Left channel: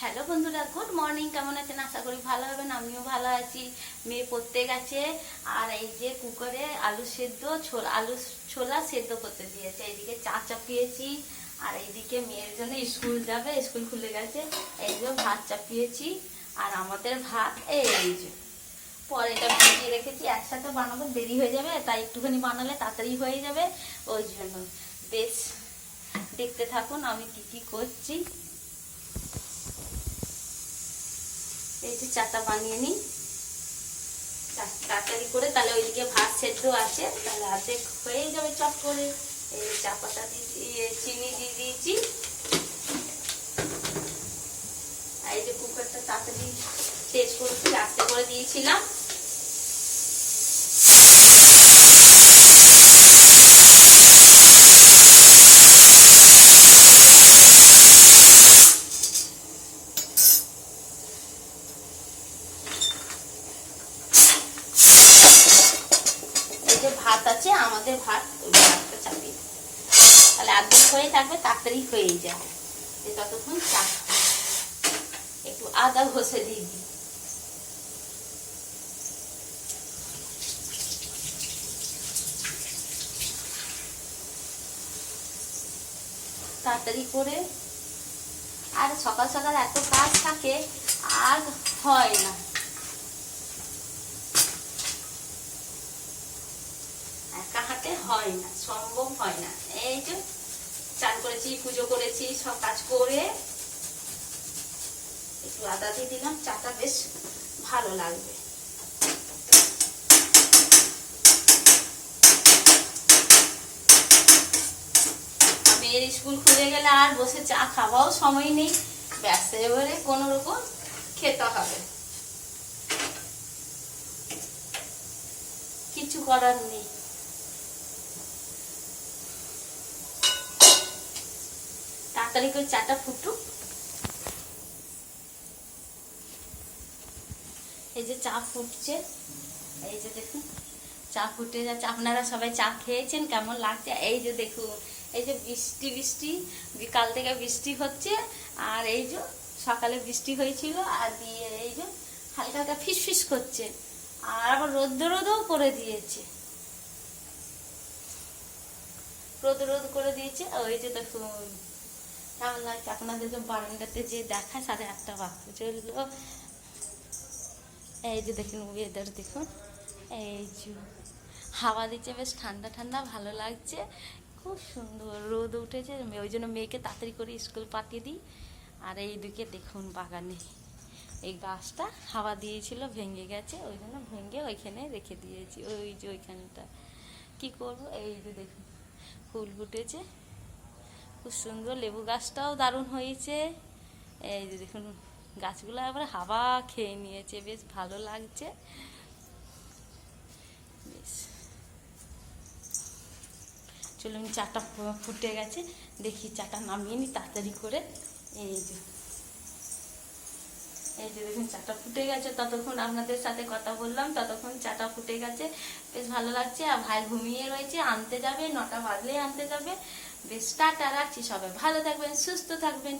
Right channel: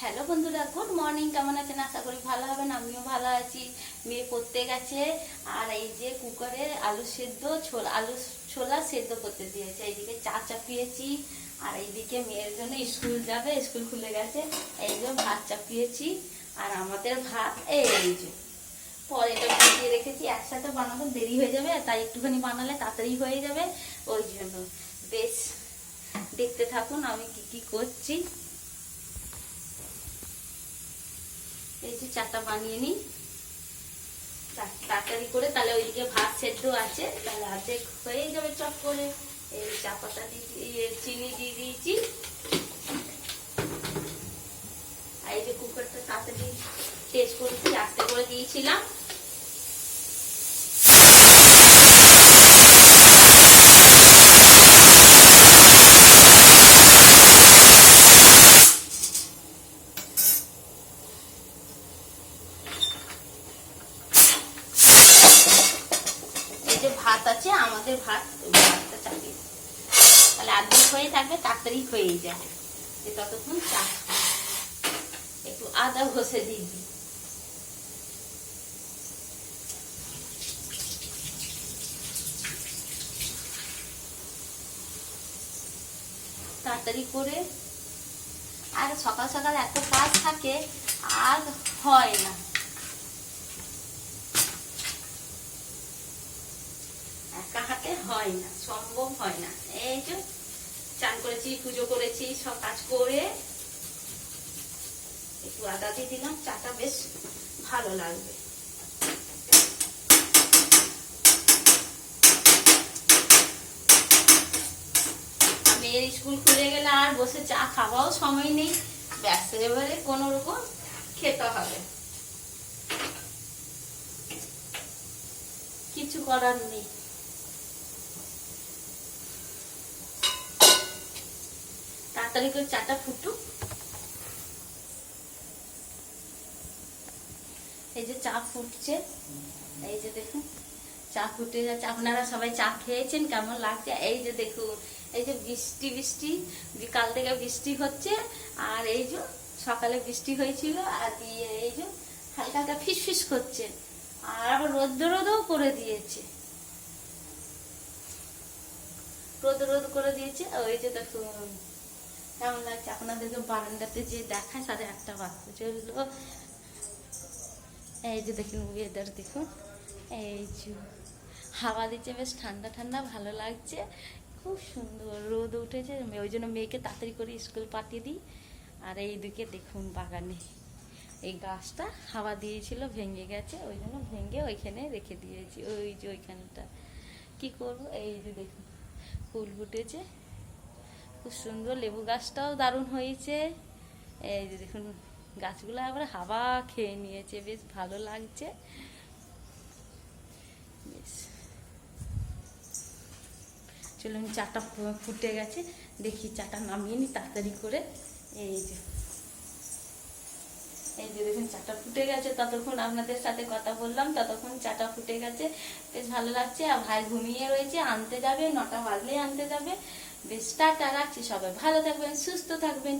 Hello বন্ধুরা, good morning. কেমন আছেন? আশা করি ভালো হবেন। আমিও ভালো আছি। মেয়ে পড়তে গেছে, আর এই যে কুকারে আলু সেদ্ধ আলু ছোলা সেদ্ধ করতে দিয়েছে। এইদিকে চা চাপিয়েছি, আর এইদিকে মেয়ের জন্য স্কুল যাবে, স্কুল খুলে গেছে। এই যে ভাত চাপিয়েছি, আর আমাদের ভাত এই যে পরে এটা ভিজিয়ে রেখেছি। একসাথে বানাবো, দেরি হয়ে যাবে, তাই একটুখানি বানালে তাড়াতাড়ি হয়ে যাবে। ওই জন্য বেশ দেখতে থাকুন আমি কি কি করছি। এই যে চাটা বানিয়ে নিই তাড়াতাড়ি করে, তাহলে ওইদিকে ভাত সেদ্ধ আছে, তাহলে অর্ধেক হয়ে যাবে চট করে। এই চা পাতা দিয়ে চিনি দিয়ে দিয়েছি, আর এই যে কুকারটা তাড়াতাড়ি তেজ করছি, আস্তে করে দিয়েছিলাম। ভাত আছে আমাদের, ভাত ওই ভাতটা চাপি, তাহলে আর্ধেক হয়ে থাকবে, তাড়াতাড়ি হয়ে যায়। ততক্ষণ চা একটু আদা ঘষে দিয়ে দিই। তাড়াতাড়ি করে, আর সকাল সকাল এত কাজ থাকে আর হয় না। একা হাতে হয় না, সম্ভব হয় না। এই যে চান করেছি, পুজো করেছি, সব কাজ করে একটু আদা দিয়ে দিলাম, চাটা বেশ ভালো লাগবে। মেয়ের স্কুল খুলে গেলে আর বসে চা খাওয়াও সময় নেই, ব্যস্ত, এবারে কোন রকম খেতে হবে, কিছু করার নেই। তাড়াতাড়ি করে চাটা ফুটুক। এই যে চা ফুটছে, এই যে দেখুন চা ফুটে যাচ্ছে। আপনারা সবাই চা খেয়েছেন, কেমন লাগছে? এই যে দেখুন, এই যে বৃষ্টি বৃষ্টি, বিকাল থেকে বৃষ্টি হচ্ছে, আর এই যে সকালে বৃষ্টি হয়েছিল, আর দিয়ে এই যে হালকা হালকা ফিস ফিস করছে, আর আবার রোদ রোদও করে দিয়েছে, রোদ করে দিয়েছে। ওই যে দেখুন কেমন লাগছে। আপনাদেরকে বারান্দাতে যে দেখায়, 8:30 বাজতে চললো। এই যে দেখুন ওয়েদার দেখুন, এই যে হাওয়া দিচ্ছে, বেশ ঠান্ডা ঠান্ডা, ভালো লাগছে, খুব সুন্দর। রোদ উঠেছে, ওই জন্য মেয়েকে তাড়াতাড়ি করে স্কুল পাঠিয়ে দিই। আর এইদিকে দেখুন বাগানে এই গাছটা হাওয়া দিয়েছিল, ভেঙে গেছে, ওই জন্য ভেঙে ওইখানে রেখে দিয়েছি। ওই যে ওইখানটা কি করবো। এই যে দেখুন ফুল ফুটেছে, খুব সুন্দর। লেবু গাছটাও দারুণ হয়েছে। এই যে দেখুন গাছগুলো আবার হাওয়া খেয়ে নিয়েছে, বেশ ভালো লাগছে। বেশ চলুন, চাটা ফুটে গেছে, দেখি চাটা নামিয়ে নি তাড়াতাড়ি করে। এই যে দেখুন চাটা ফুটে গেছে, ততক্ষণ আপনাদের সাথে কথা বললাম, ততক্ষণ চাটা ফুটে গেছে, বেশ ভালো লাগছে। আর ভাই ঘুমিয়ে রয়েছে, আনতে যাবে, 9টা বাজলেই আনতে যাবে। বেশ টাটা, রাখছি। সবাই ভালো থাকবেন, সুস্থ থাকবেন।